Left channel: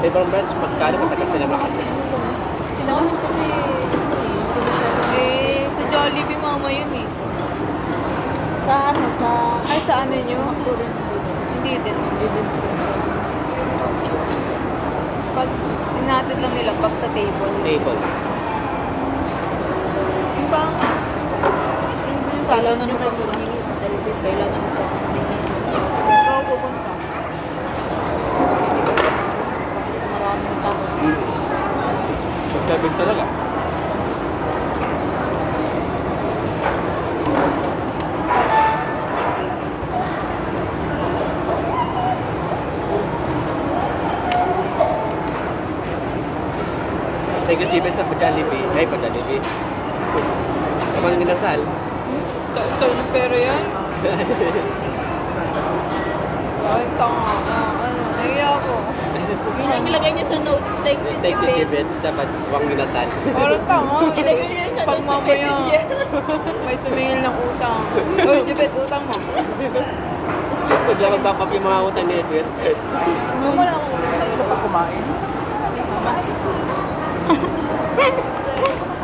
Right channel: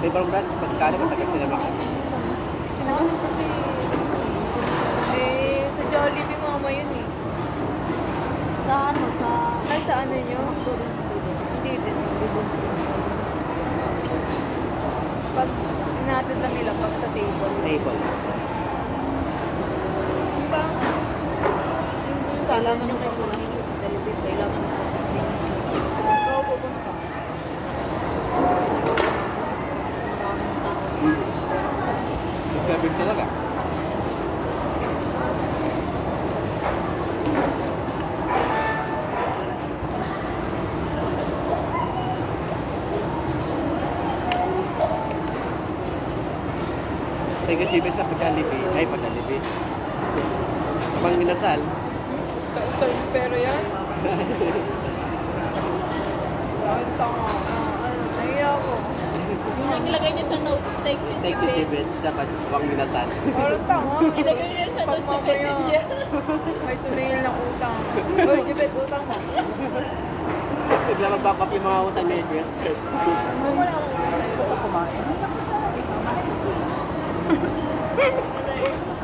Sa ibang branch, magkano matagal sila makapit? Sinamin kasi, sa Jollibee mama yun eh. Sa ano, sa... Ay, sa ano nyo? Sa McDo rin. Hindi din. Hindi din sila. Pag inatid lang nila, pag sa table. Table. Kailangan mo pang humingi sa television. Kailangan mo pang humingi. Ikaw pupunta. Kasi hindi ka maraming tao. Sabi talaga. Negatibo sa Jollibee. Ay, Jollibee. Mang inasal. Ito yung pera yan. Ay, tanga. Naiya ako. Yun ang nilagay niya sa notes. Thank you, Thank you, Kibet. Dapat wang minasal. Parang tanga. Nilagay niya sa Pag notes. mamaya, may sumingil ng utang. Uy, Jibet, utang mo. Hindi lang magpapap yung mga utang ni Edwin. Wala akong kumain.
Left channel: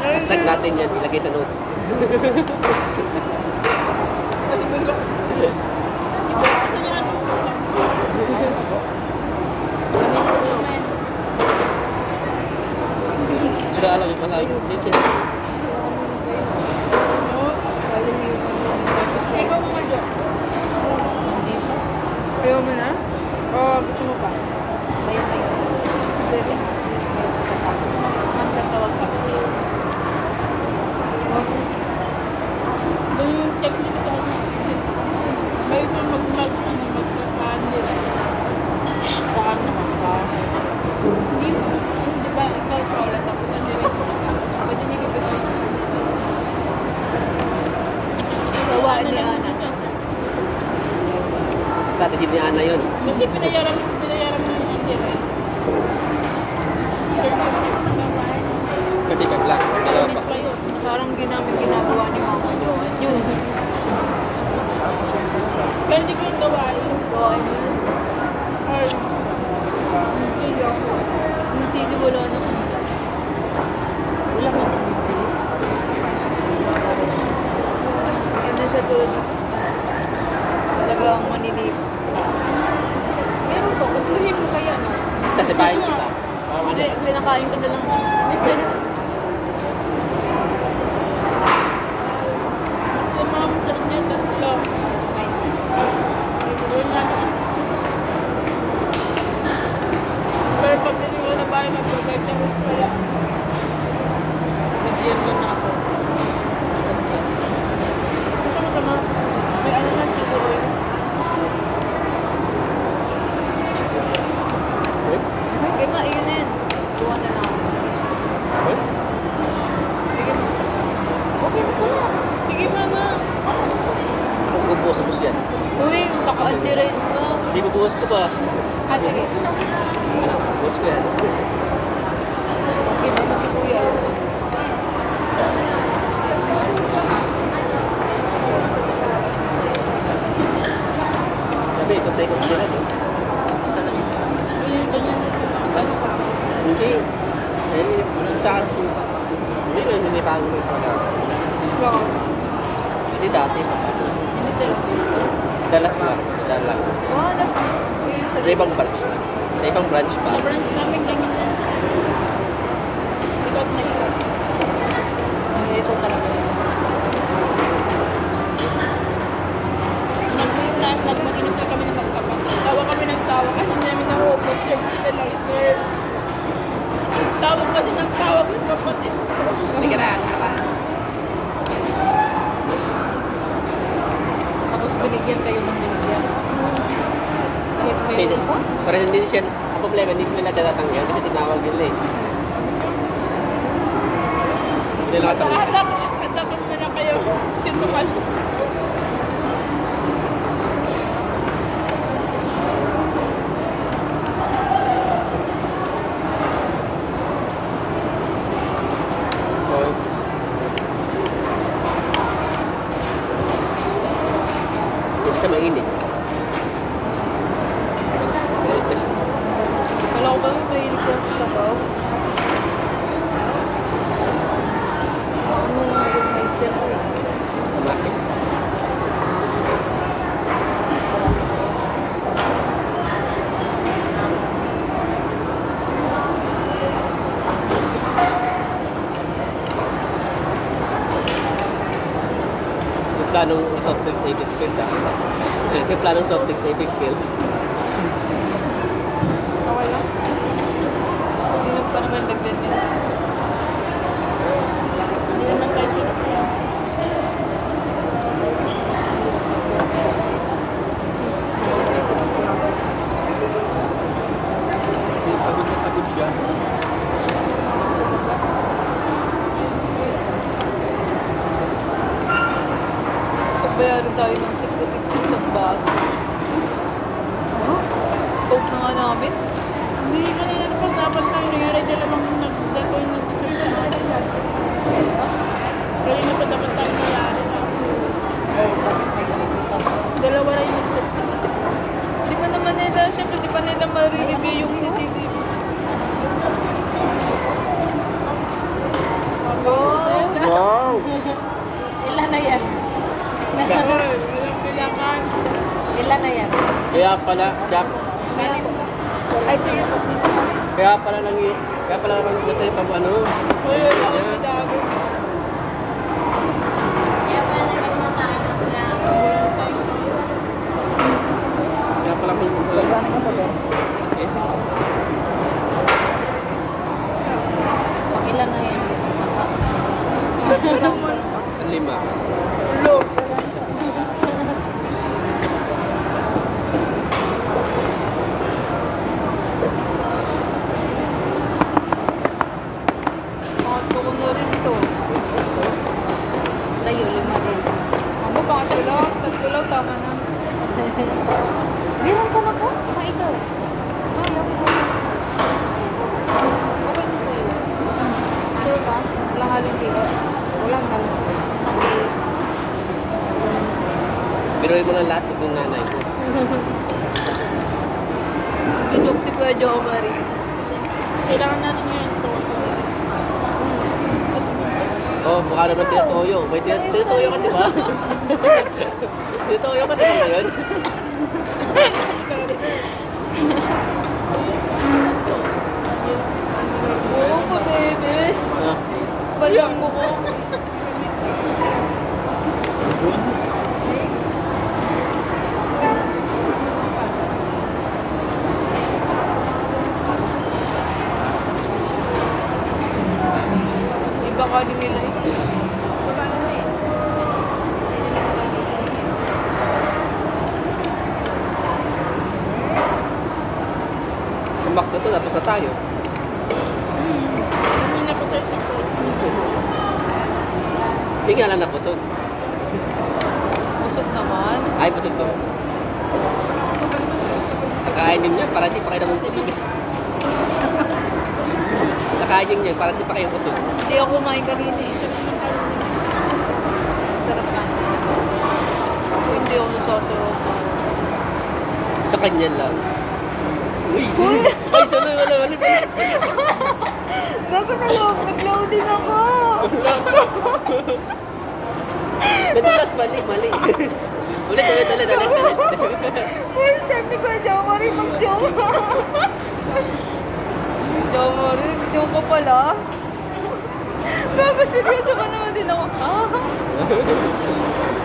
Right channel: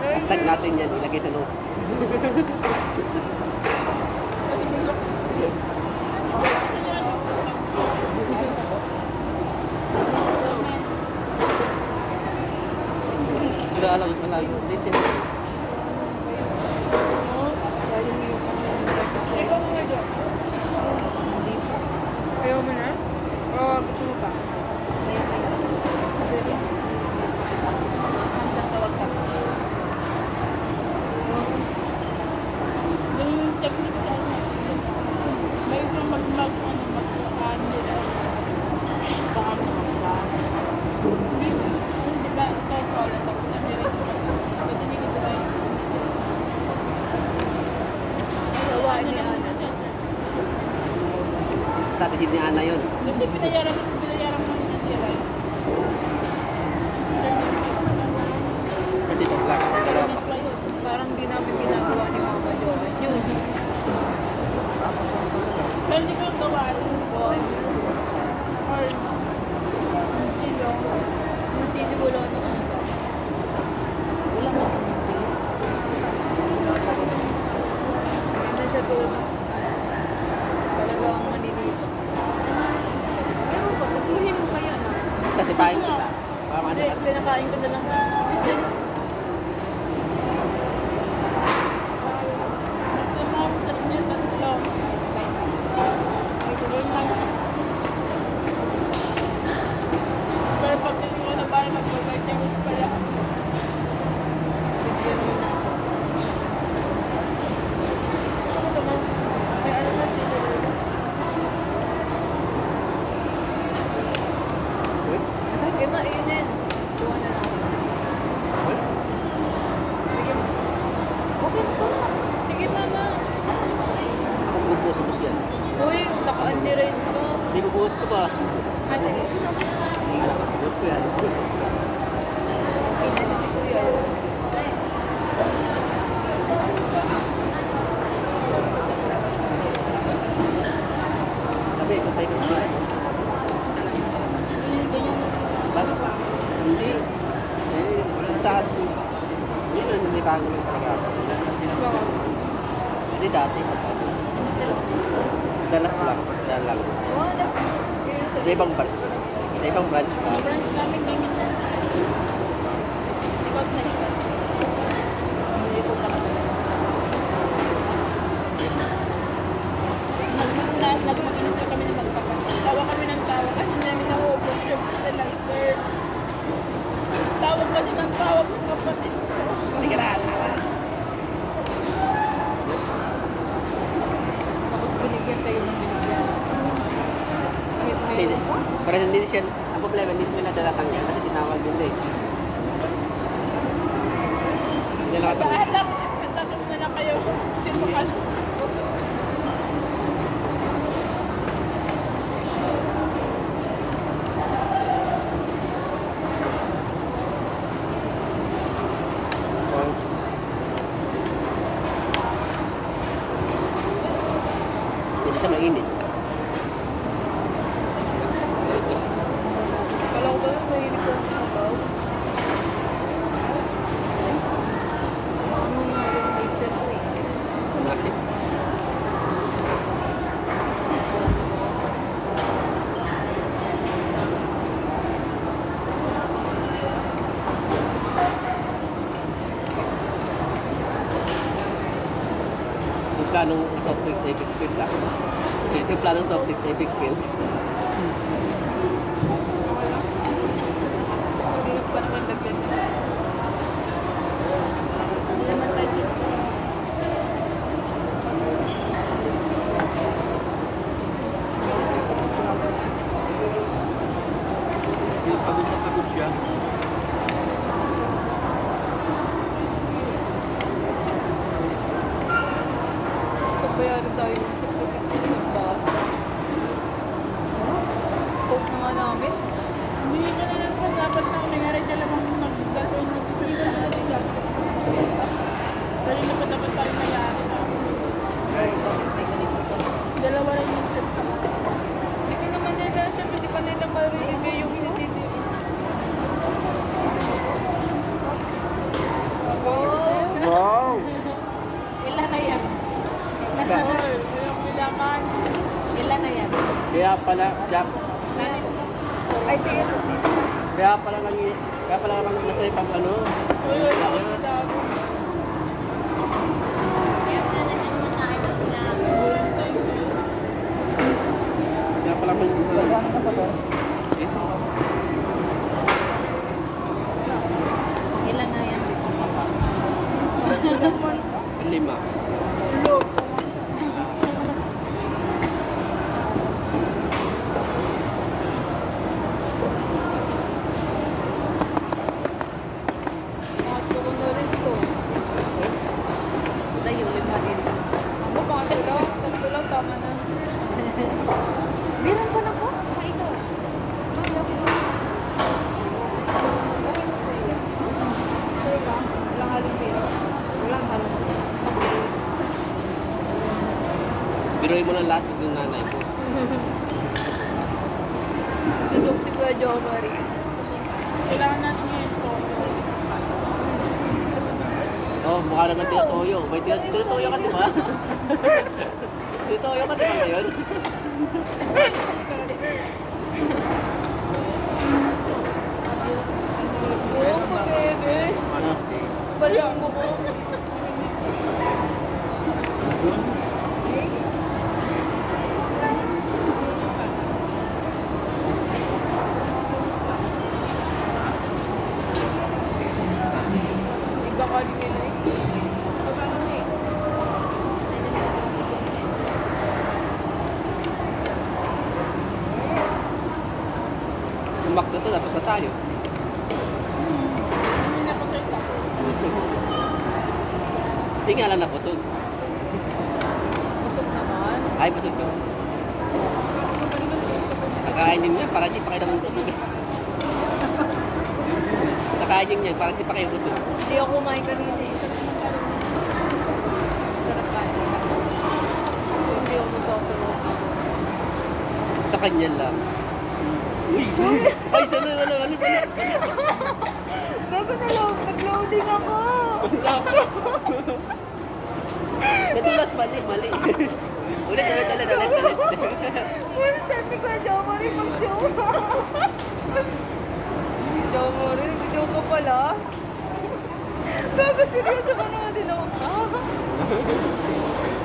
Hashtag natin yan. Ilagay sa notes. Sudah alam yung malaki. Ikaw mo dyan. Hindi pa. Ayaw mo na? Oo, gusto mo pa. Bayan. Pwede. Ang tawag ka. Yung technique ko na. Bayan na mag-ano. Saan naman ba? Hindi. Hindi ba ikaw sa alat ako? Pwede niyo bibigay. Gawain ni Ana. Strategy ni Ana yun. Kasi pinayaran mo ng Angela. Katikat lang. Dalawa pa. Parang di namin ginagawa ni Mama Joan yun. Pero hindi ko yung gawain. Gawain mo yun. Or, Yung CD wala na. wala nga kami sila. Hindi siya doon. Talagang manilip. Meron ko, pagkuhin mo kaya na. Kasi tayo kita. Hindi, pinakain ko na lang. Sumama sa inyo, tatlo. May gawin na na. Pero pag gusto mo na ba yung mag-gawin ka rin pala, bigyan mo na ako. Gusto mo may ano na siguro yun. Eh, ma, yun yan. Gawa na lang. Sige, ma. Okay na ito na. Sige, mama. Magbubuhos yan. Uy, naka-anti-race ka. Hindi bubuhos ko pa. Ah, sige. Bubuhos ko yan. Okay, na si Kuya. Sabi, ikaw tayo kung saan. Hindi. Eh, sa hindi na nilipago ng pagkakata. Wow. Hindi dati kapag Hindi talaga. dalas lang. Dalas. Wala. Sa ibang branch lang. Sa ibang branch pa. Sa branch namin naman yan. Without my God. Hindi po talaga yun. Nagmag-inom na kami ng magkapag. Tawa kami ng tawa kasi hindi namin na-open yung lighter. Tawag kasi ng tawag ng kapatid ko. Hindi ka na Tapos binigyan kayo ng binigyan. Kahit mayroon pa. Pero hindi siya, ang problema, hindi sila natatanggal kasi tinawag nila eh. Hindi nila natanggal. Tapos na kayo. Sintukan. Isa mainit. Kala ko ba may planong soft drinks na i-fill ka. May planong soft drinks na i-fill. Okay lang. Hindi pa naman lagyan nila. Hindi naman kasi. Pagod na pagod siya. Kabayari tayo ng 66 sa bus. Coke na nga namin. Hindi na lang po dapat nangyari dyan namang nagdatoy ng dessert na nila. Pero hindi pa dapat tayo nangyari. Bakit may ganito ka? Dalawa lang yung nag-soup sa Di pa naman nila, syempre di pa nila ma-review yung CCTV. Oh! Wow! Ilan na yan? Ilang bilangan. Ilan na yan? Kaya pala, Jack, Ay, sige. kaya pala lang nasa itang ano. Uy, uy, uy, dami. Kaya pala may Saan ka pa, sir? Ilan na yan? Lima. Look. Pangatlo ko na rin to. Sa'yo, 5 din. Ako pa nga talaga. Tatlo lang, tama na. Meron ka na ko? Mga ikaw. Sorry, ako. Okay na sa'yo. Sure ka? Walang halong kilo. Walang halong kilo. Biruin mo lang lahat ng nanay ko. Tulog si Kuya Jo Mari. Kailangan natin yung tono. Oh, mukha naman tinatoyo. May tinatoyo ka, di ba? Tinatoyo ka, di ba ngayon? Oo, pa, bebe. Ah, Balang mo ko. Doon? Iba ka din nila eh. Tumakbo to, tapos na tayo. Hindi na ko tayo takot. Hindi nga lang napusog. Busog naman. Ay, pusog to. Nakainin niya, para di pa kayo naman pusog. Nakainin niya, para di pa kayo pusog. Hindi ako kumain kanina eh. Sarap ka. Hindi ako sasarap. Sa kanya lang. Uy! Ay, sana, wala. Bakit nag-loading ako? Nadulas, mali. Ulit. First time ni Kuya Jo Mari mag-joke. Jo Mari, joke ka pala? Bago seryoso ka naman din ako.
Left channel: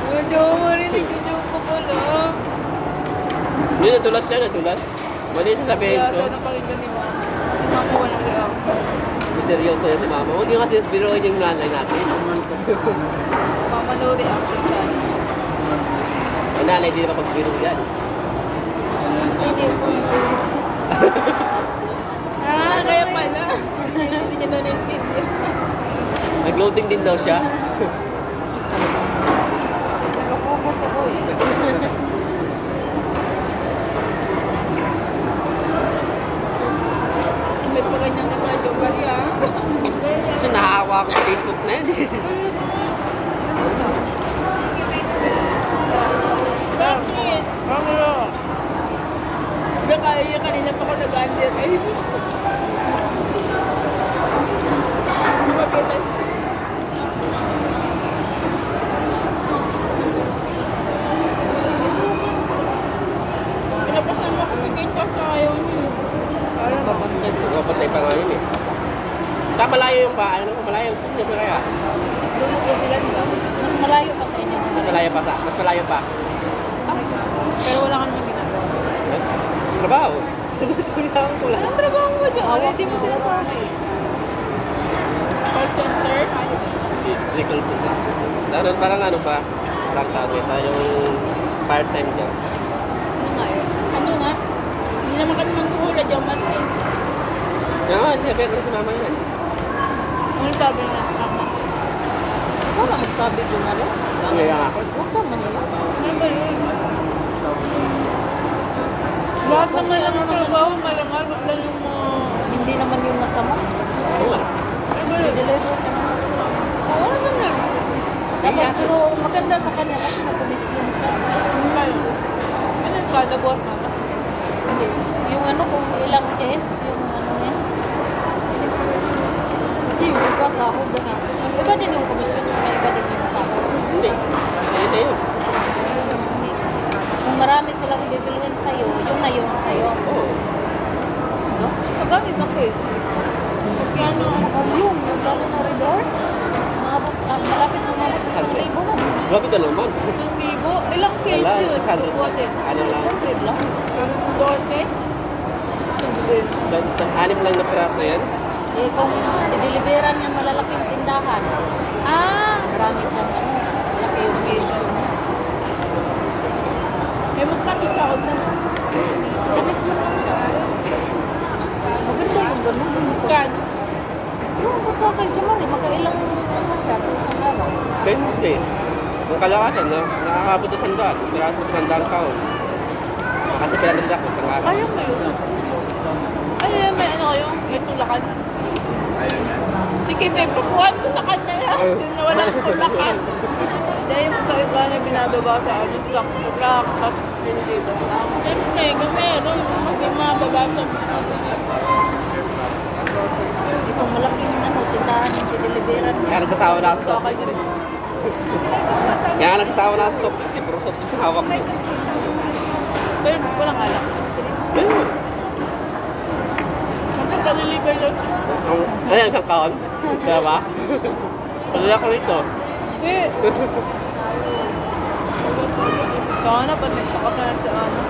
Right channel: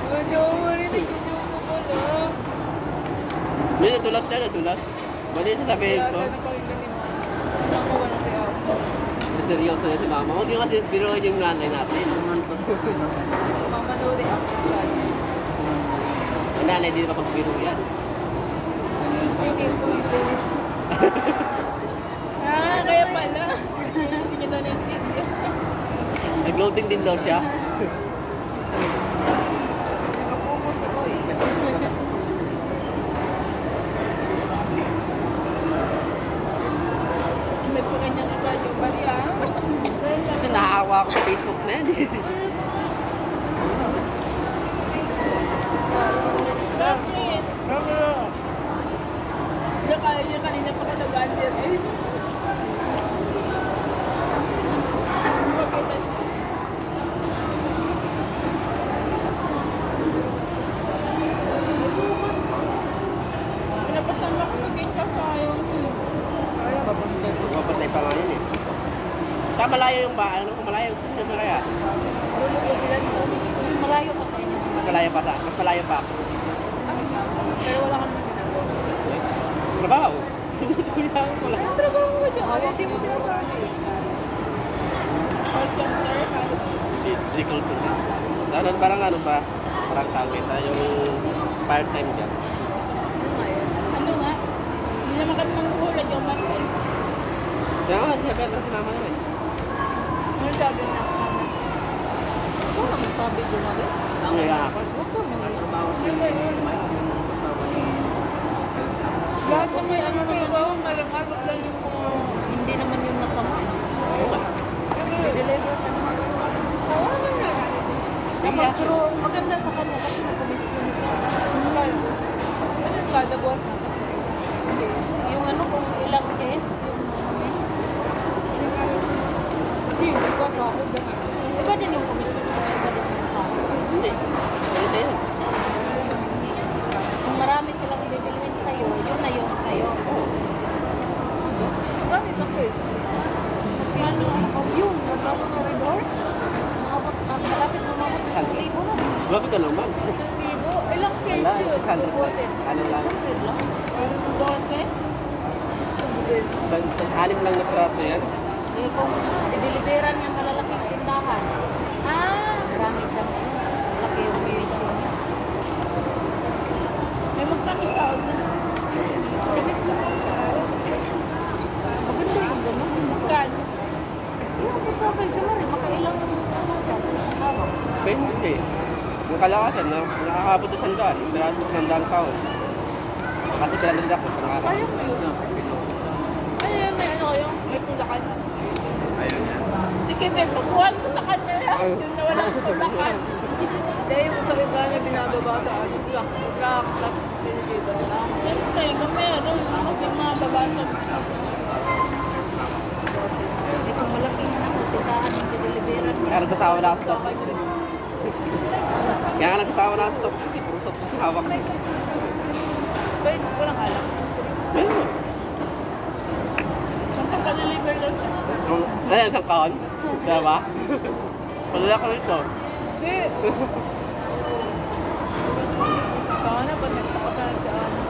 Kuya Jo Mari, nag-joke ka pala. Hindi, nadulas. Mali yung sasabihin Kaya ko. sana pakinggan ni Mama. Si Mama walang reaction. Seryoso yan si mama. Huwag niyo kasi biruin yung nanay natin. Mama no reaction challenge. Yung nanay, di na pagbiro yan. Hindi ko kaya pala. Hindi niya daw naintindihan. Nag-loading din daw siya. Nakapokus ako eh. May pa ganyan na tayo. Bari ah. Kasi nahahawa ako sa Facebook na yun. Bakit? Hindi kaya kanina pa ako nag-under. Ay, pinapasan mo kasi kayo sa ayaw niyo. Papatay pa nga yun eh. Malayo yung bahay. Ano ko malayo? Hindi ko kaya. Dulo ko sila nito. Malayo pa sa inyo. Malayo malayo pa sa, mas malayo pa. Pero wala kami ginagawa. Trabaho. Anong trabaho mo dyan? Hindi mo sinasabi. Call center. Recall po. Ano, parang ano pa? Parang tawag pa yung part-time dyan. Ano nga yun? Ano nga? Hindi naman kami manghula dyan. Kaya nga, sabi na si mama yun. Ano sabi niya? Tama. Ikaw na magsabi ko na rin. Nangaya ako. Huwag ka mahiya. Hindi yun. Lahat naman ano trabaho, malamang lang yung Hindi naman yung masama. Oo nga. I-deliver ka naman. Oo naman yun. Tapos pero maganda sa kanya kasi nag-commission siya. Ano kada buwan mo? Hindi. Yung ano kung ilang S, yung ano yan. Hindi, yung iba sahod na nga. Yung iba din yung commission, yung iba din yung sahod. Hindi. Ito yun. Kung marami silang bibilihin sa'yo, yun na yun sa'yo. Oo. No? Bakit ang case? Magkano ang kalyong, lalo na redor? Malapit na umabot sa 1,000 na. Grabe ka naman. Ang libo? Ilang case Wala, yun? 600 Bubuhatin. Anim lang. 100 lang. 12? Sa anim lang na piraso yan. Eh kung i-deliveran niya malalaking tindahan, marami siyang ano, malaki yung issue niya. May magtapos ako na. Damit mo lang siya. Maganda yung ganun. Magkano? Yung basta kay Jamari, makailang ano siya sa isang araw. Depende. Yung kalakasan, nakakabot sa sandaan. Piraso sa sandaan taon. Kasi kaya nagdak sa nga. Ayaw mo yun. Ay, may ano yung itulakan. Sige, may pagkuhan ko sa kanya yan. Yung nawala ko tulakan. Dahil sa iba na binababa sa ano, truck, sa truck, tapos pinitito na lang. Pero na yung meron, yung mga babasa. Itong malaking ano, tindahan yung i-deliveran niya. Kaya nagsasawa na ako sa Sa kanya. Kaya nagsasawa na ako sa office. Puro sa office yung hawak niya. Pero walang alam. Ayun. Kapag kalilibre yun, Ayan, isang taon. Kaya ba? Palala ka rito. hindi. Kaya na, pag nagsakapalan sa ano.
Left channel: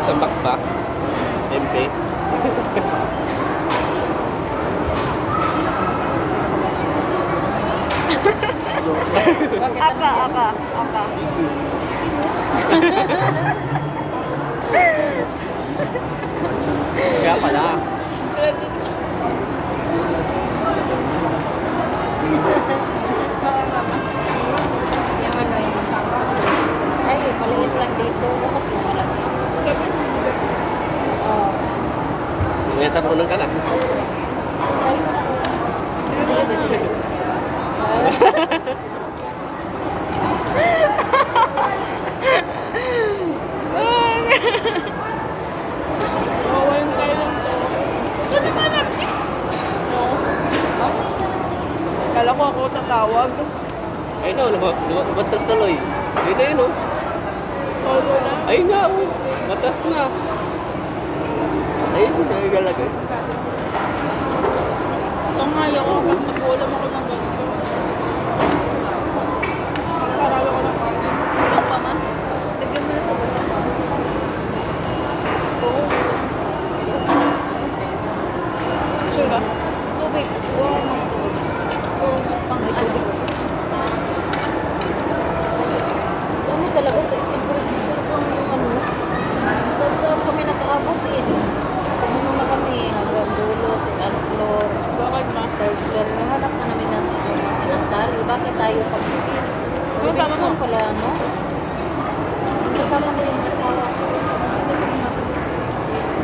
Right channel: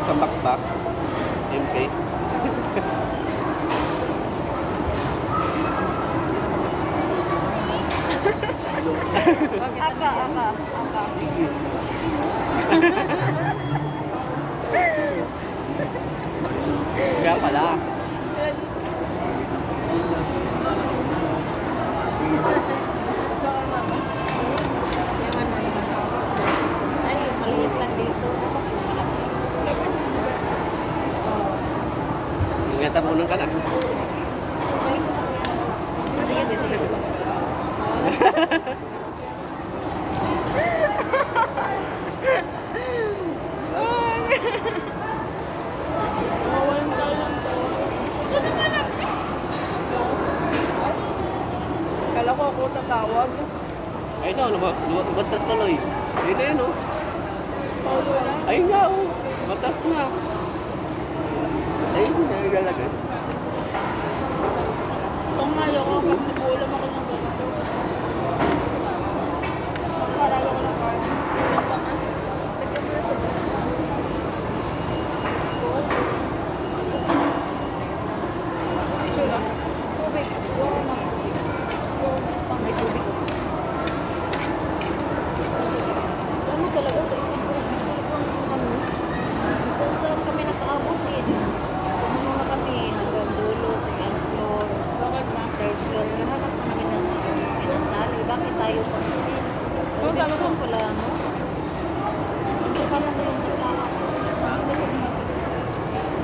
Isang box ba? Empty. Bakit ano yan? Kaya pala. Yung ano yung ay, maliit lang dito. Dapat yung malaki. Oh. Ngayon tapunan ka na. Mawawala mo tayo ng to. Kala ko ako tatawag. Ay no, batas tuloy. Dito yun oh. Wala. Ayun nga oh. Batas na. Ayun na, yung lalagay. Pangaya ko, nag-uulam ako ng ganito. Nakakarawa ko ng parang. Ilang pa man. Sige mo na sa buta. Sure na? Tubig. Pang may tubig. Sa ano talaga sa Isidro, talagang yung ano, saan kami nakaabot eh. Pumunta na kami hanggang dulo, second floor, Bakit na? third floor. Nahanap na namin ng mga kinasal. Bakit tayo pag Robinson pala, no? Kasama ko yung asawa ko.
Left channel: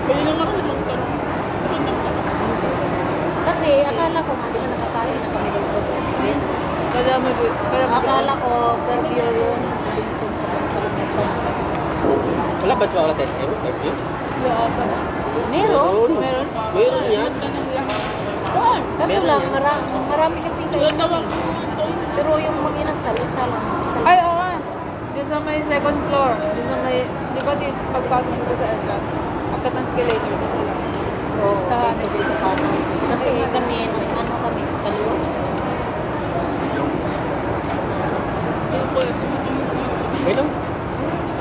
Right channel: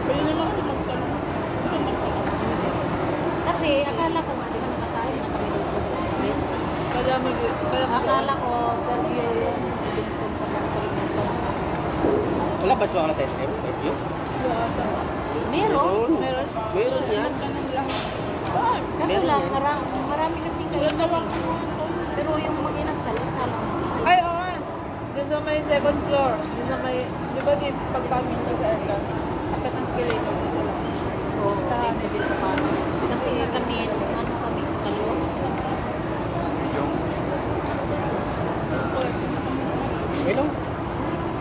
Pwede naman kasi magtanong. Kasi akala ko nga, di ba nakakain na kami dito. Yes. Kadami ko. Akala ko, Fairview yun. Robinson sa mga kalimutan. Wala ba ito sa SM? Interview? Meron. Meron? Meron yan. Tanong lang. Saan? Kaso lang, marami kasi kayo. Doon naman. Pero yung mag-inasal, isa lang. Isa lang. Ay, oo nga. Doon sa may second floor. Doon sa may, di ba din pagpasok mo sa aircon? Akit ng escalator dito lang. Oo, dito sa kanan. Kasi kami, nung ano kami, kaliwa kasi kami. ko eh. Hello?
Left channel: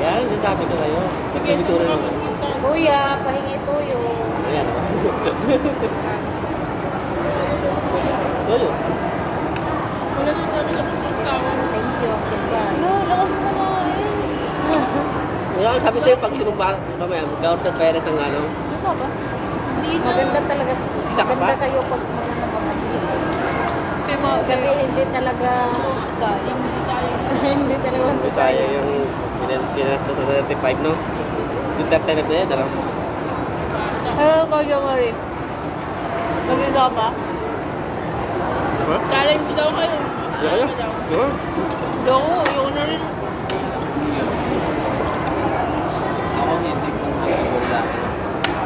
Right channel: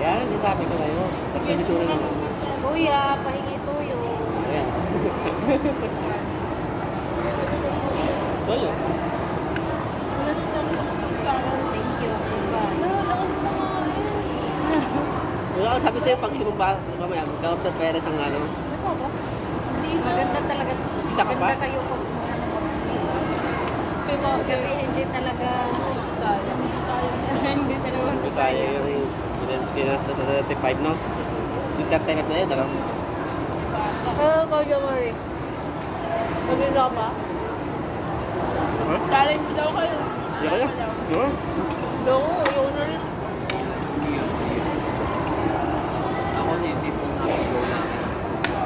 Yan, sasabi ko kayo. Basta dito rin naman. Kuya, pahingi tuyo. Ayan. Tuyo. Wala din kami nakapagkawan. Thank you, Akilban. Oo, lakas mo naman. Wala ko sabi sa'yo, pag lumumba, mag-order Perez ang ano. Ano pa ba? Hindi na. Maganda talaga. Isa ka Maganda ba? kayo pag mga napamahal. Kaya mga Kasi hindi talaga, hindi talaga Sabi sa'yo masasaya. yung pinasta sa 35, no? Yung top 10 na yun, ano? Ano kaya mo eh? Naging pa? Challenge daw kayo. Di kayo? Di ba? Loko, ayoko na rin. Ako hindi ko nakakula.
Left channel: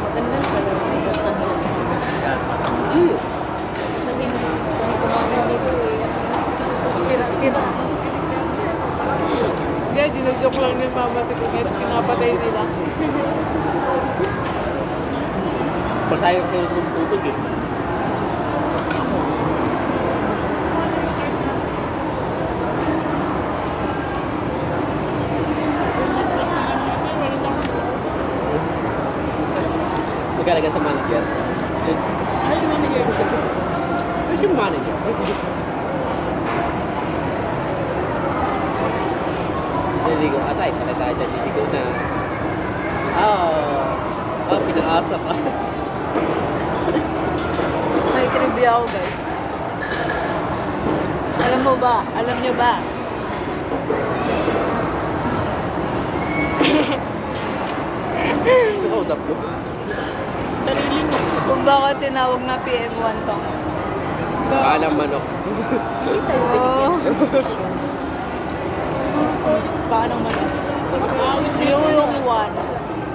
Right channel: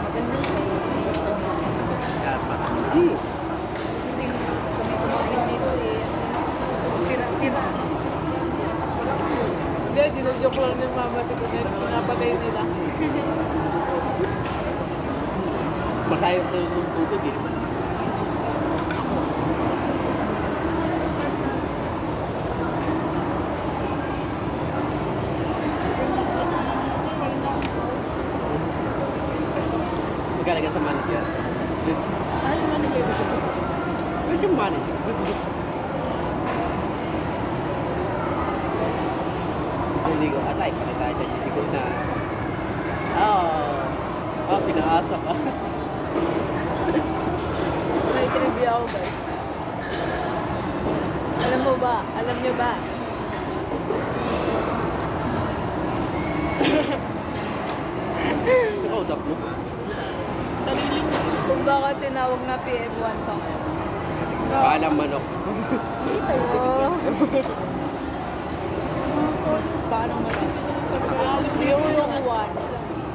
Maganda talaga. Basta nila. Yan, matanda. Kasi kung kumain dito eh, sira-sira. Hindi, ginag-joke lang yung mama si Kunet. Pinapatay nila. Masayang sa'yo yung tubig eh. Magkalaga sa manager. Ay, manager. Ano siya manager? Hindi ko, atay, kalagay dito na. Pinakasa ka. May trivia ako guys. Alam mo ba? Alam niyo ba? Hold up, no? Sarili mo. Kung bakit tinawag na PM1 to? Alam manok. Hindi tayo binigyan ng posisyon. Paano mo na? Yung one.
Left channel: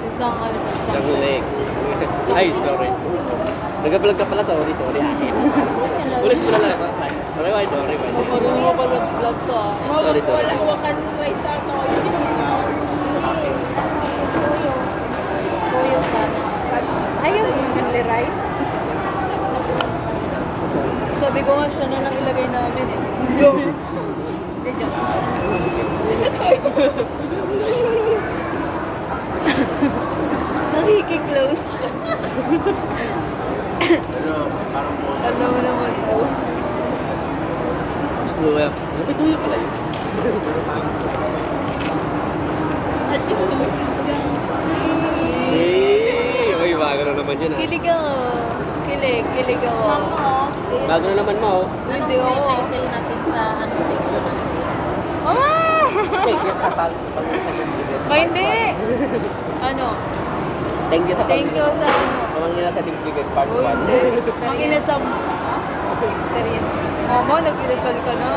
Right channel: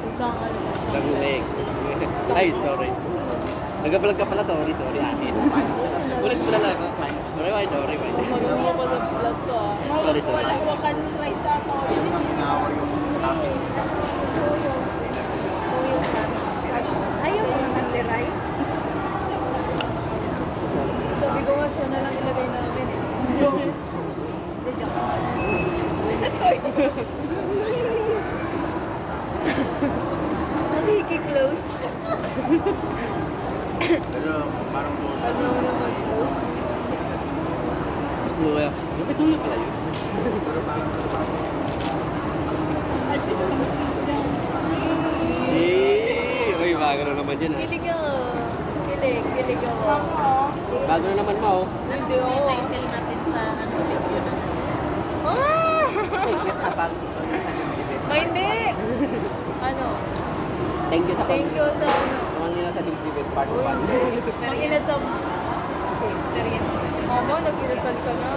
Isang ano. Sa huli. Ay, sorry. Nag-vlog ka pala, sorry. Ulit ko na lang. Sorry, bye, sorry. Magaling mo pag vlog to ah. Sorry, sorry. Hawakan rice ata. Tuyo. Tuyo sana. Ayaw mo ng only rice? Sorry. Sabi ko nga siya na lang ilagay namin eh. Nakiki-close. Pero parang po. Ano naman po? Screw up. Ano ba ito yung play? At yung Uy, bago na naman yun, ha? kilig ako. Kilig ako. Bago na naman mo, oh. Hindi May ako. title natin sa ano video na. Mama! Thank you sa pag Ba hindi? Ano? Thank you sa Thank you sa ano. Tawag nila sa Digdigad Part Uy, 1. hindi. Ang inasam. Experience natin. Mama, nag-iresal ka na.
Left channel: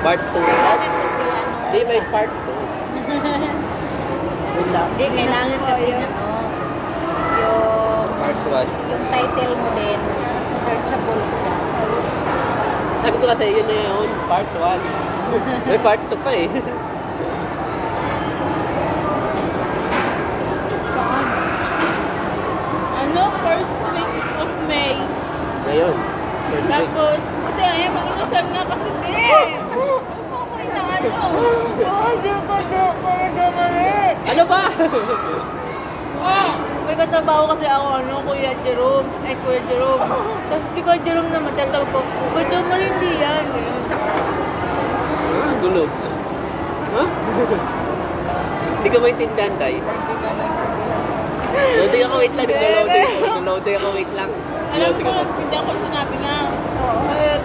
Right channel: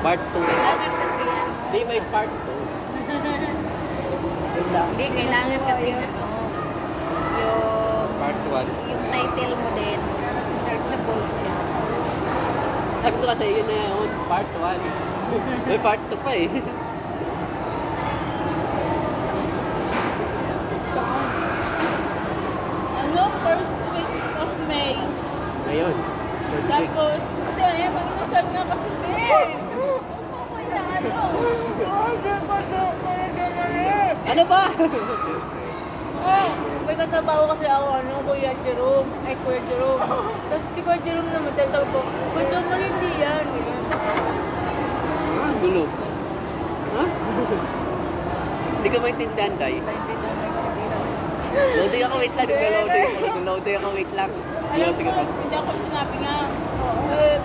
Part 2. Hindi, may Part 2. Wait lang. Hindi, kailangan kasi ano, yung Part 1. yung title mo din, searchable siya. Sabi ko kasi, yun na yun. Part 1. May Part 2 pa eh. Ano? First week of May. Ngayon. First week. Tapos, ito eh, mag-iresal na kasi hindi. Sa ano? Hindi ko na Ano ba? Oh, may katrabaho kasi ako, ano, Kuya Jerome. Kuya Jerome. Tapos si Kuya Jerome naman, tatawag ko, Kuya Jerome na rin di yan. Gulo. Ha? Hindi ka maintindihan, Day. Loading ako, wait lang. Loading ako, wait lang. Alam ko, hindi ako sinabi na.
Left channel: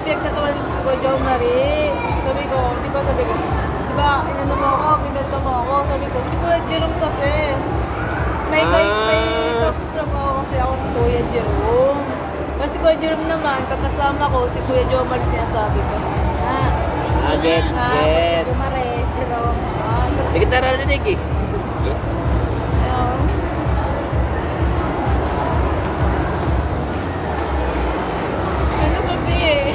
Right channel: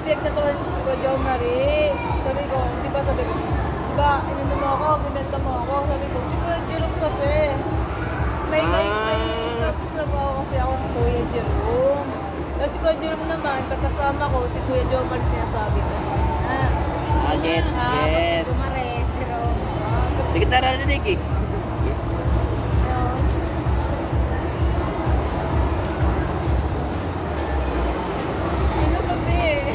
Pinagtatawa si Kuya Jerome Marie. Sabi ko, di ba, inano mo ako, ginalta mo ako. Sabi ko, si Kuya Jerome kasi. May trabaho kasi ako ng Kuya Jerome. Pero si Kuya Jerome naman, pagkasama ko, si Kuya Jomar sinasabi ko. Gets. Kumare, Jerome. Hindi kita narinig eh. Ano ba, eh?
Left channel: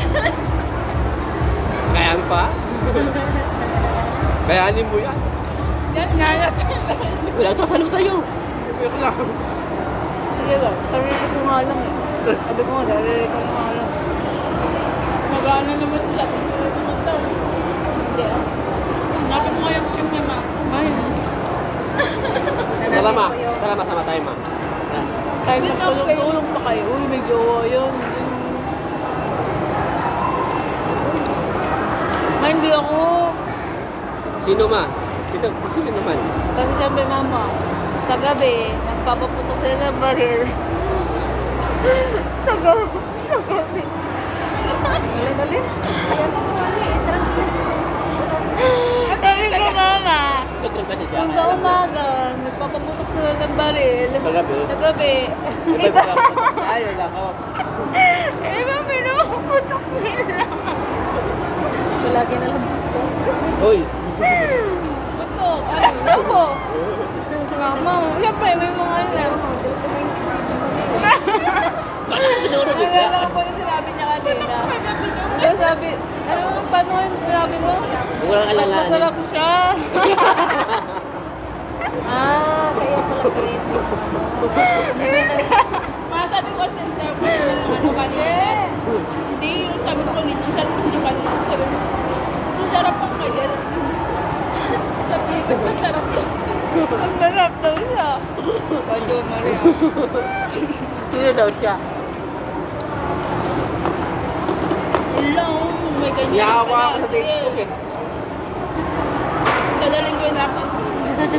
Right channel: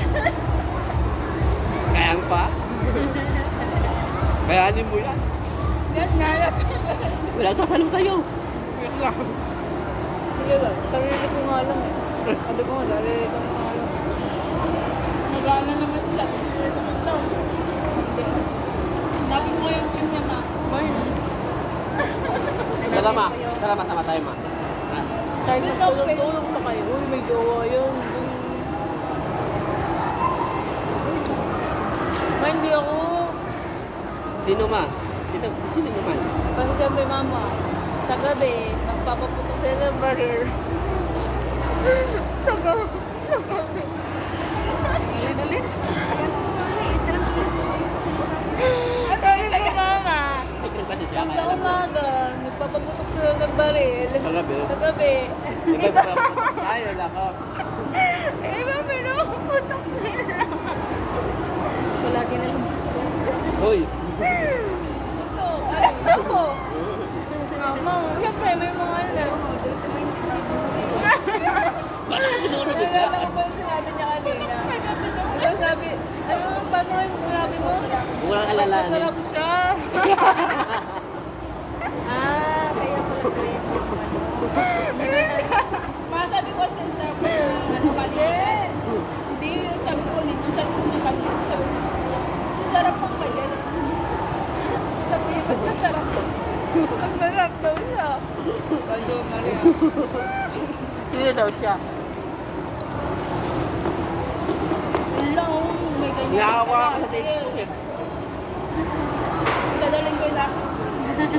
Kayaan pa? Kayanin mo yan. Nagnalat. Wala sasalim sa'yo. Wala lang. Sige lang, sarili ko nga lang eh. Sabi ko nga, sarili ko nga lang. Wala na naman sila. Wala naman daw. Hindi. Napot mo yung kanya, ma. Tara ma, tara masama tayo ma. Kahit magtulong-tulong pa kayo. Uy, may jowa yun. Ma, hindi ako. Sino ma? Sino man? Kasi sabi mama, sa gabi, magpapaputok sila ng baril. Sa gabi. Galing. Kaya mo i-translate. Sabi ko mama, Nagkroon kasi siya. kung sa umaga, nagpapaputok sila ng baril. Sa gabi? Sa gabi. Ay, wala ko. Eh, ba, pinapaputok nila. Palagi na lang. Hoy! Ito, ano po? Mama, siyempre, may mga ano. Nagkala ko yung sinabi niya kanina. Kaya sabi, paano yung sinabi mo? Walang alalaan. Masarap siya. Kaya pala grade yung ano. Masabi ko sa sabi, ano kasi? Hindi, sabi ko nito, sabi ko di ba? Sabi ko, sarap ang kaya. Sabi ko, sarap. Ang sarap daw siya. Sabi ko, Maria. Sino daw siya? Wala, may ganyan. Niyawa ako sa date ko eh. Dadaling ko na ako.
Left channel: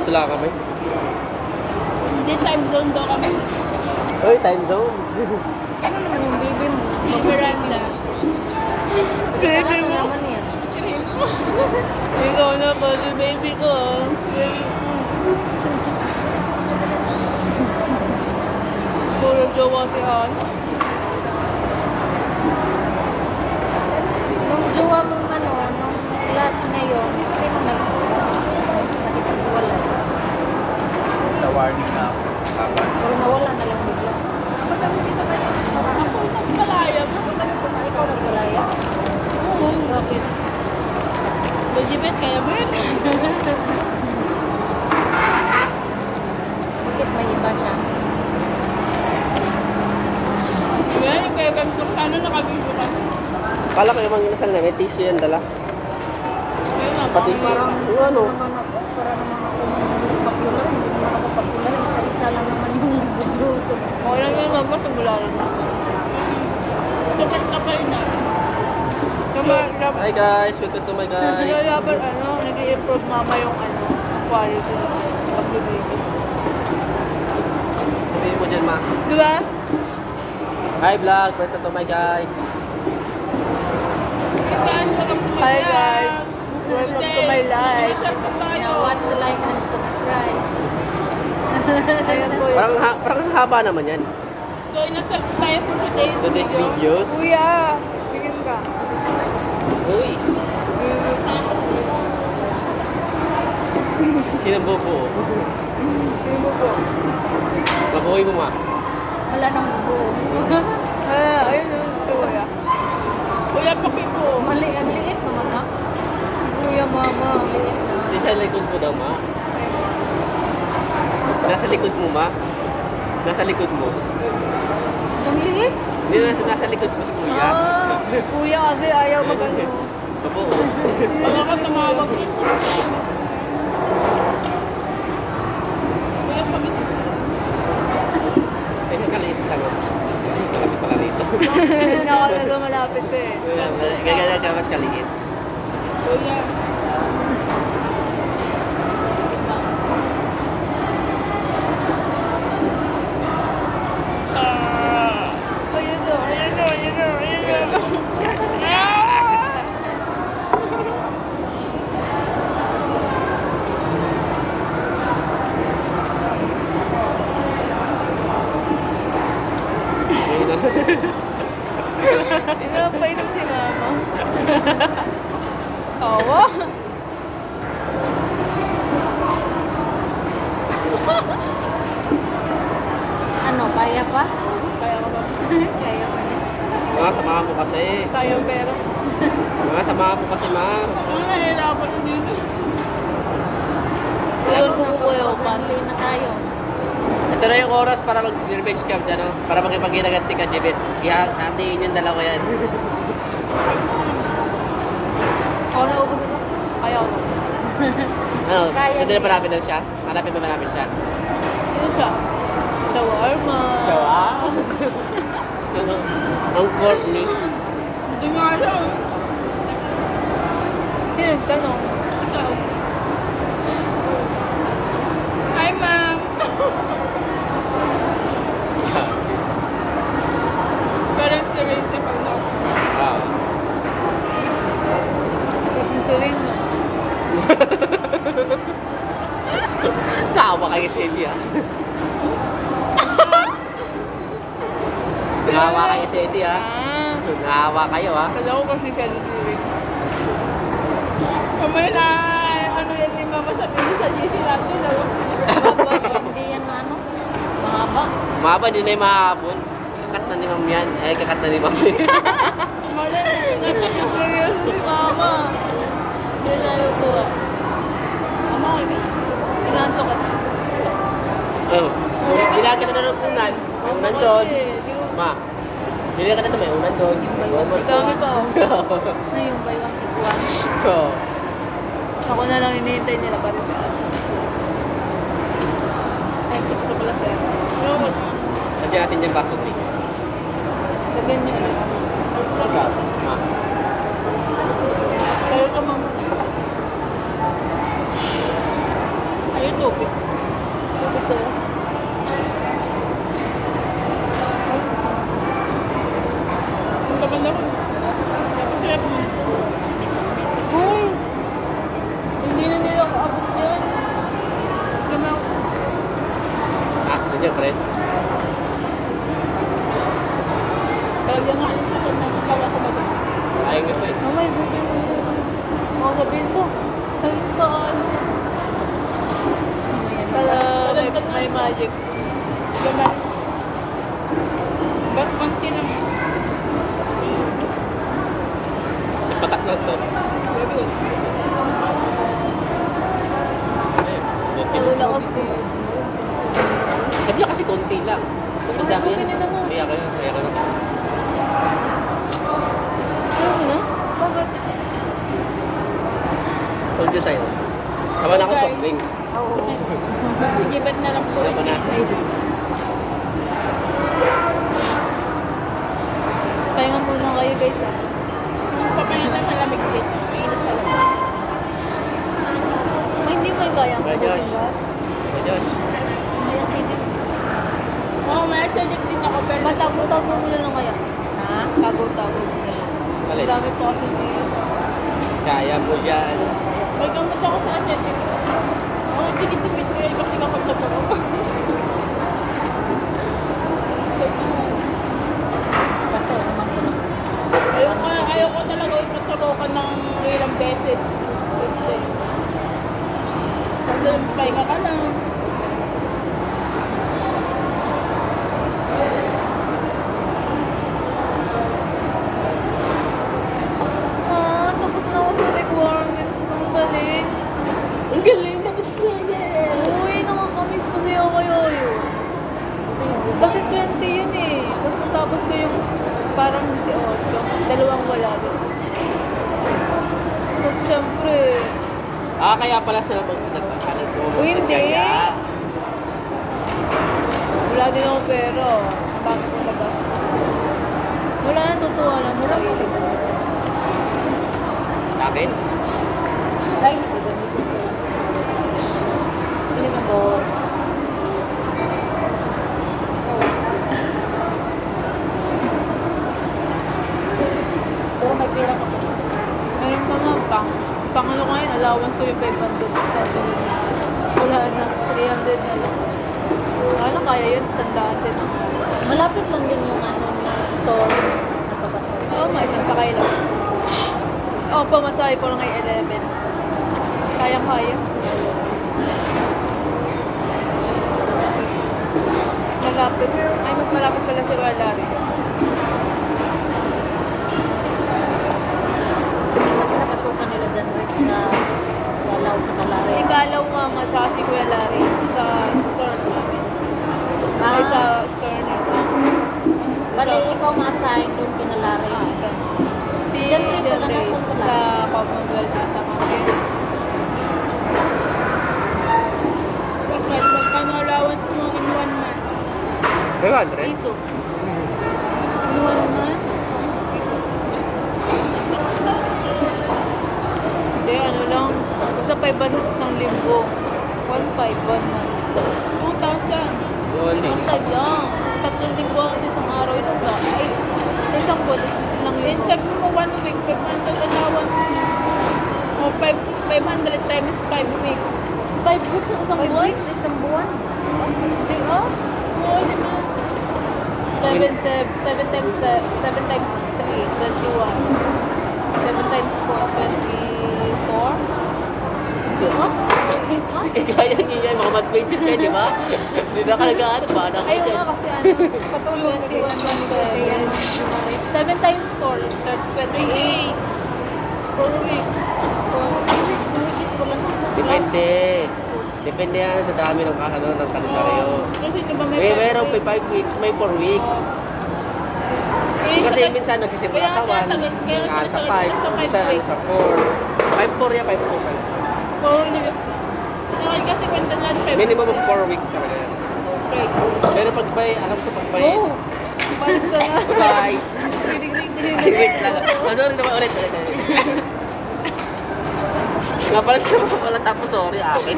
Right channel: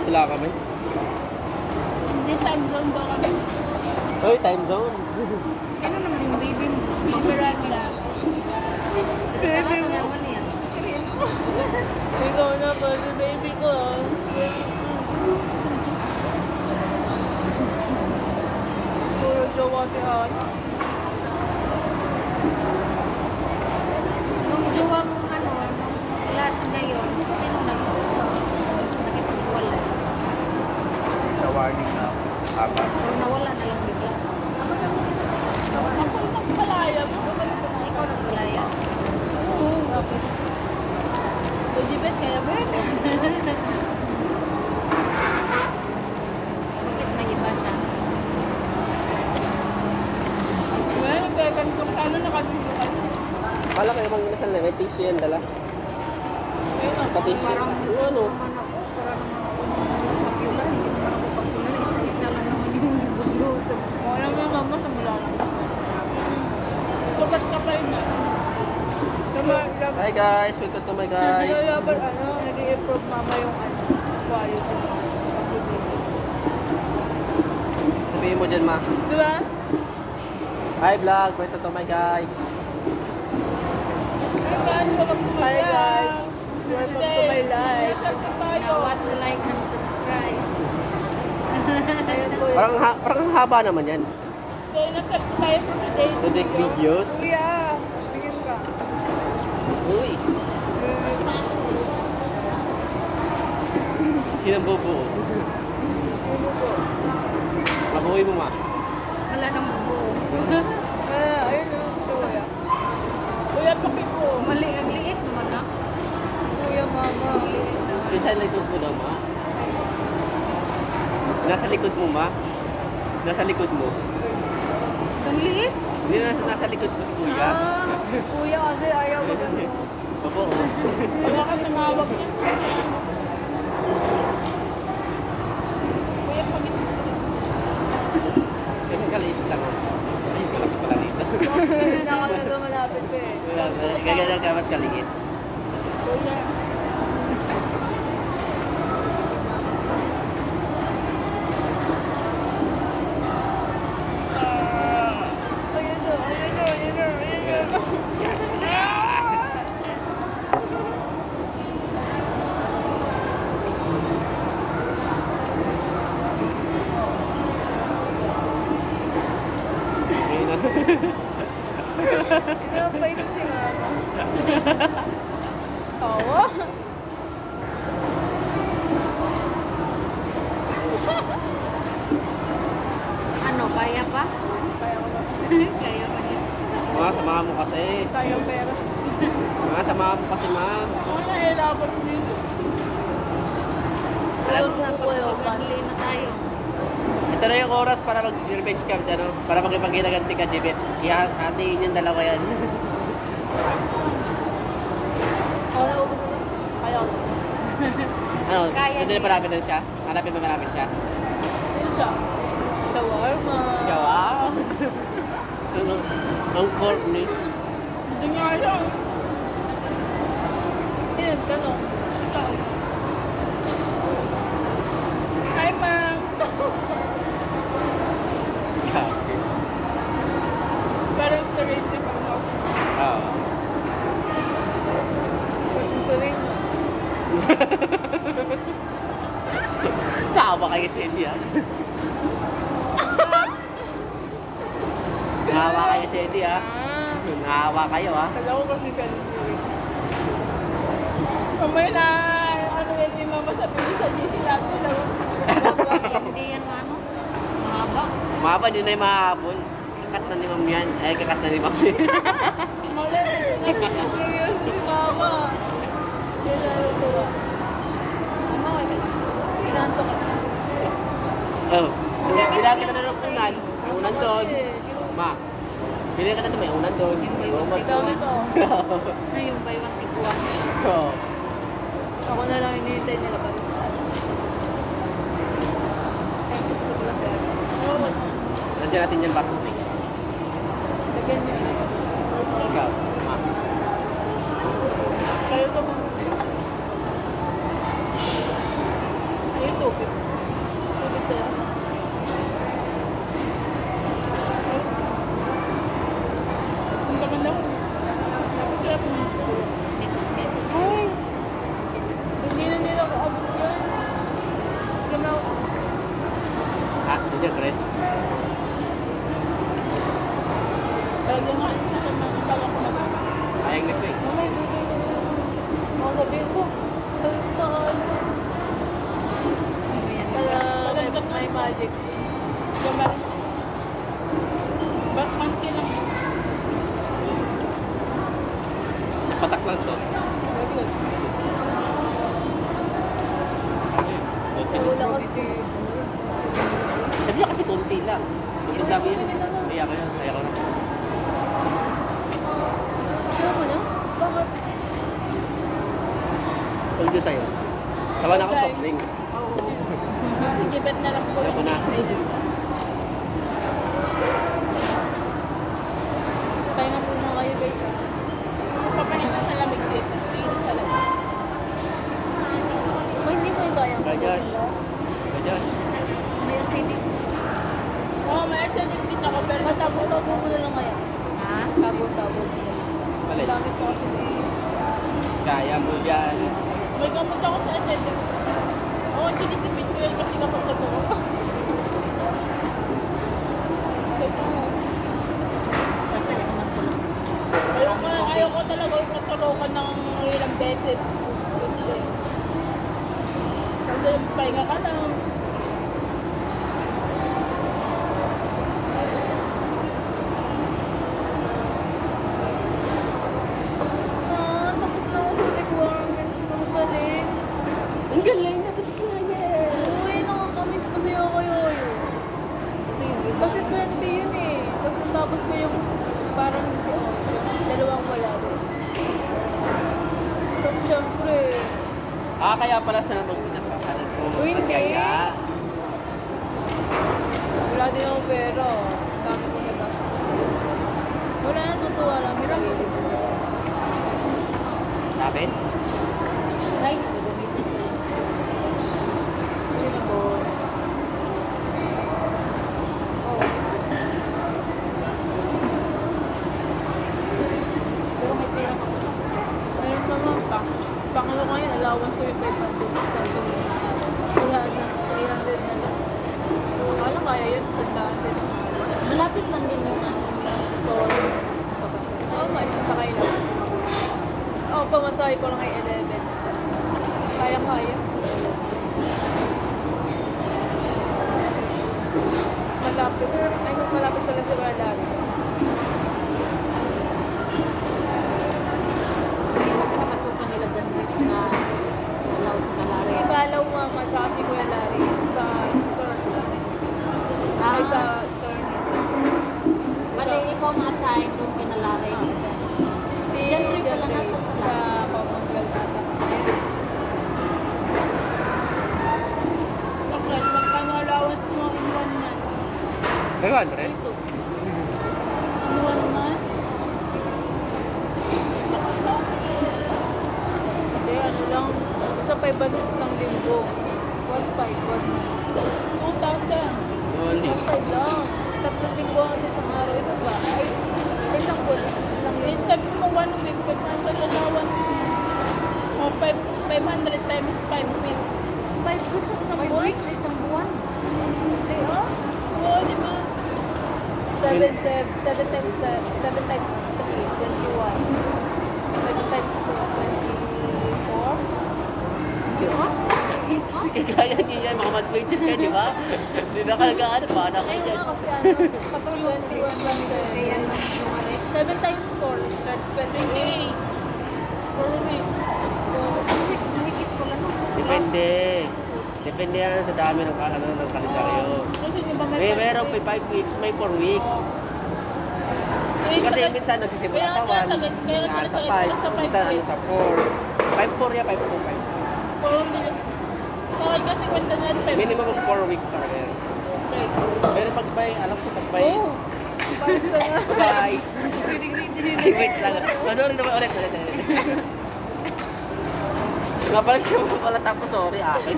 Sula ka mo? Hindi, time zone daw kami. Hoy, time zone. Ano naman yung baby mo? Mag-Miranda. Saan na naman yan? Ikaw na pa si baby ko. Puro jowa si Ana. Nung jowa mong ano, nung last na yun, sino nakipag-iwalay? Sa warning na ako. Kapan. Pero nawala na lang bigla. Ako magpalaya mo. Ikaw nagwalaya? Oo, bakit? Legibet kaya ba yun? Bakit may iba siya? Kaya nagkagan ko sana nakabibyo ka. Kala ko yung mga inasal niya, may tissue yan dala. Kaya nga, Pati bakit? siya. Yung ano? naman ako, para naman ako popular. Hindi naman ako popular. Isa-isa lang naman yung budlo sa Wala nga naman, simula rin. Dapat kapal na. Hi guys, welcome to my guys. Dapat nag-i-improve mama yung quality ng pagbibigay. Sabihin mo dyan ma. Diba? Hi vlog, welcome to my guys. Hi guys. Welcome to my life. Now watch, like, and subscribe. Ayun po yun. Parang ang haba naman yan. So, inasal tayo sa Today's videos. Kuya, bigyan ka. Uy, sino bubo? Sino po? Mabuhay mo ma. Wala nang buo. Ayun yun. Kuya. Kuya, pakiko. Ang liit naman na. Kuya, mama. Liit na. Isa likod mo daw ma. Nasa likod mo ma. Nasa likod mo. Ang liit? Hindi nasa likod mo si kuya. Kuya, kasi ayaw mo ba mo? Opo. Baka ka tumawag. Kuya, pakiko. Ay, nagkaliit lang ah. Ay, kalapit pala rito. Hindi ako talaga malapit ko eh. Gagana ka ba't kaliit? Kuya. Ayun na. Inapay na si mama. Tawa. Ano, kaya pa? Kaya ko ba? Kaya pa niya. Mga samahan mo kasi. Kaya pero. Mga samahan mo kasi ma. Ako nahirapan dito. Lalo Ano na po kayo, pag na tayo. Ito na yung oras para mag-revenge camp, ano? Para makipag-ginaganti ka, Jebet. Hatiin yung dalawa yan. Ako naubos na. Kaya ako. Ano, Kaya hindi na niya. marami lang siya? Marami na marami siya? Ano siya? Shawarma. Wow! Ano, ang corny. Hindi nga alam. Sino nagtanong? Ikaw. Hi, ma'am. Parang seryoso pag na. Wow. Kasi seryoso. Tsaka ba kayo sa Eddie ah? Nangawa kayo sa Eddie ah. Nangawa kayo ah. Kala ko kasi seryoso. Mamaya na, ano yun yung mama sabi niya sa GC natin, Hindi yan ano. Mahaba. Mahaba din na yung mahapon. Kakat na ni Ma'am yan. Eh, kakat na ni Ma'am. Mali, seryoso si mama. Hindi niya luto. Ano, ilan to ka? Oh, bilagi ka na ng unan. May unan doon. Ma, bilagi ka na ito, may unan doon. Yung buy one, take Ikaw one. ito. Ano yung buy one, take one? Oo. Ako na lang hinihintay nila pa rin. Ay, gusto pala sa'yo. Pero, Lagyan natin yung baso din. lagyan niyo ulit. Ikaw, ma. Kayo ka mama. Ano ito? Ito to. Ang gaganda ko. Sarap mo. Mekis-mekis. Uy! Hindi na nila ako abot yan. Lumaw. Ah, ganyan, friend. Talaga nga. Ako nakakawa ko ba? Sayang nito eh. Oh my God, yung mga sabihin mo. Sabihin ka ano. May magic. Gamar. Ba't panty lang? Sa patak lang to. Very good. Ayun, sa konti Wala lang. kasi. Sabi lang kasi konti lang. Ang dami yan. Kaya ko yan, kaya ko yan. Ano mo na? Bakit? All design. Tama na ako Guys. soft drinks. Oo. Gibat na lang po. Tama na. Pahinga muna kayo guys ah. Papahinga sa lamig ulit. Ingat sa labas. Ay, hindi mo yung kaya. Bye, Josh. Hey, Josh. May acidic. Oo, may acidic din ako pero tago-tago mo na lang kaya. Ha? Tago-tago mo na lang. Alin? Ang dami po kasi si... Kaya mo yan. May gamit ako sa acidic. Oo, tikit-tikit ko yung kasi nakapagtatago. Basta yan naman ko lang. Ayaw ko talaga ipagtarokan ng ilang beses. Kasi pahinga ka na. Tapos na ako sa requirements ng galing. Ang galing, tapos na yan. Uy, nakakamiss kasi ako kayo. Kasi yung iba. Kasi 20 yun eh. Tapos ko yung parang si Oslo. Dalawang wala din. Tapos syempre, Ah, kaya pala siya naman pinasakal ko. Uy, hindi. Kaya. wala din akong pera. Ang dami ko nagastos. Wala na, totoo lang. Wala pa din. Sa akin? Ay, gagamitin ko lang. Ito. Pero may pera ka pa. Meron pa nga, pang ano ngayon, allowance ko yung 500. Wala na, 300 na lang. Ano kaya yun? Sandaan din ako. Malapit lang din yung ano, yung store na papasok. Oo, isang sakay lang. Oo, pamasahe ko lang ay 11. Kaya-kaya. Malapit. Ay, mas malapit pala si Valari. Sa pinapasukan nila dyan, Rex, na Galaw sa Kalari. Ikalaw mama sa si Kuya Larry sa store namin. Ay, sa store nito. Bale, ikaw ma-assign doon kina Larry. Si nasa pula. Sa Commonwealth ata kami. Bakit? Magkano allowance mo in 1 month? 100? Piso. In 1 month? Hindi, ano lang. Basta 500 isang linggo. 1,500 1 month. 2,000. 1,500 lang. 3 linggo kasi isang araw. Ilan ba? Ay, isang po. Lang yun. Sabi mo 1 week, 500 allowance. O 500 times 5 weeks. 5 weeks ang isang 5 buwan? weeks, isang buwan. Di ba? Oo, di ba? 7 times 3, 21. 7 times 4, 24. Oh? Kaya niya, mga mag-20 ka, di ba? Hindi na kalagaan, para Ay, oo nga kasi ano, patulong 7 times 4 is 28. 4 weeks. 4 weeks, nakikit ko lang. Depende. Depende yan sa dami ng kalendaryo. Kasi di ba May mayroong 5 weeks, may 4 weeks. Kasi minsan nagsisimula sa 1, sa 5, minsan sa 4. 5-4 yan, 5-4. 4 weeks. Kasi maintenance 5. Minimum of 4 weeks talaga yan. Okay. Pero pag bay, alam ko pag bay. Oh, palis ka na. Bye. Wait lang. Sorry naman ulit. Napalit ko pala tapos sorry akin.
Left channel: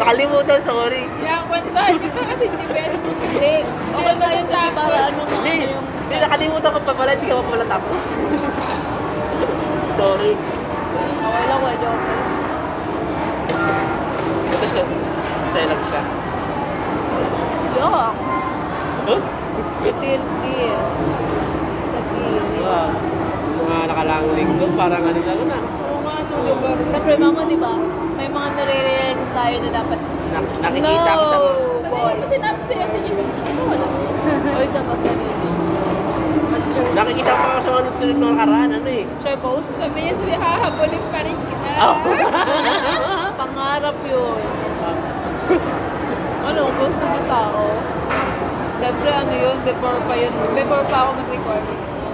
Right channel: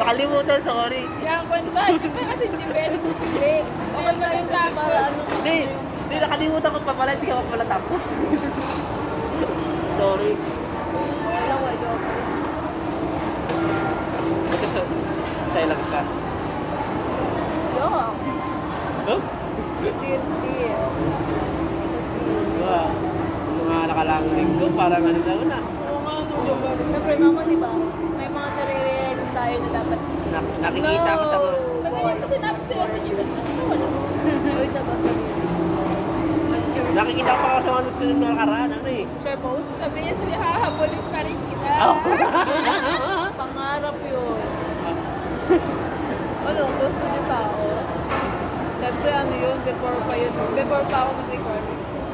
Nakalimutan, sorry. Yan, kwenta. Hindi ka kasi the best. Hindi. Okay na yung tama. Ano mo? Hindi, nakalimutan ko pa pala, hindi ka pa pala tapos. Sorry. Okay lang, pwede okay. Ito siya. Sa'yo lang siya. Yeah. Huh? Itirti. Ah, mga nakalang linggo, parang ano lang na. Oo nga, no. Siyempre, mama, di ba? May mga nare-realize tayo na dapat. Nakikita ko sa... Ball. Kasi siya sa inyo. Uy, tapos na dito. Nakikita ko sa mga sunod na nakaraan, ano eh. Siya post kami yun, tuloy hahabulin pa rin kita. Pangarap yun. Ano, gusto ni tao. Siyempre, ano yun, before pa ako mag-recordings na.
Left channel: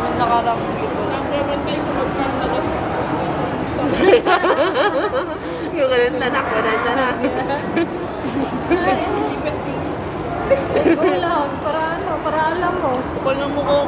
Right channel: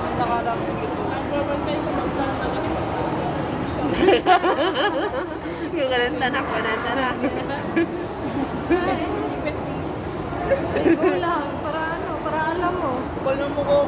Ang nakarang dito. Nagkaroon kayo sa magpang Yung ganun, tanak. Ikaw lang, para ano, para alam mo. Kapal ng mukha ko,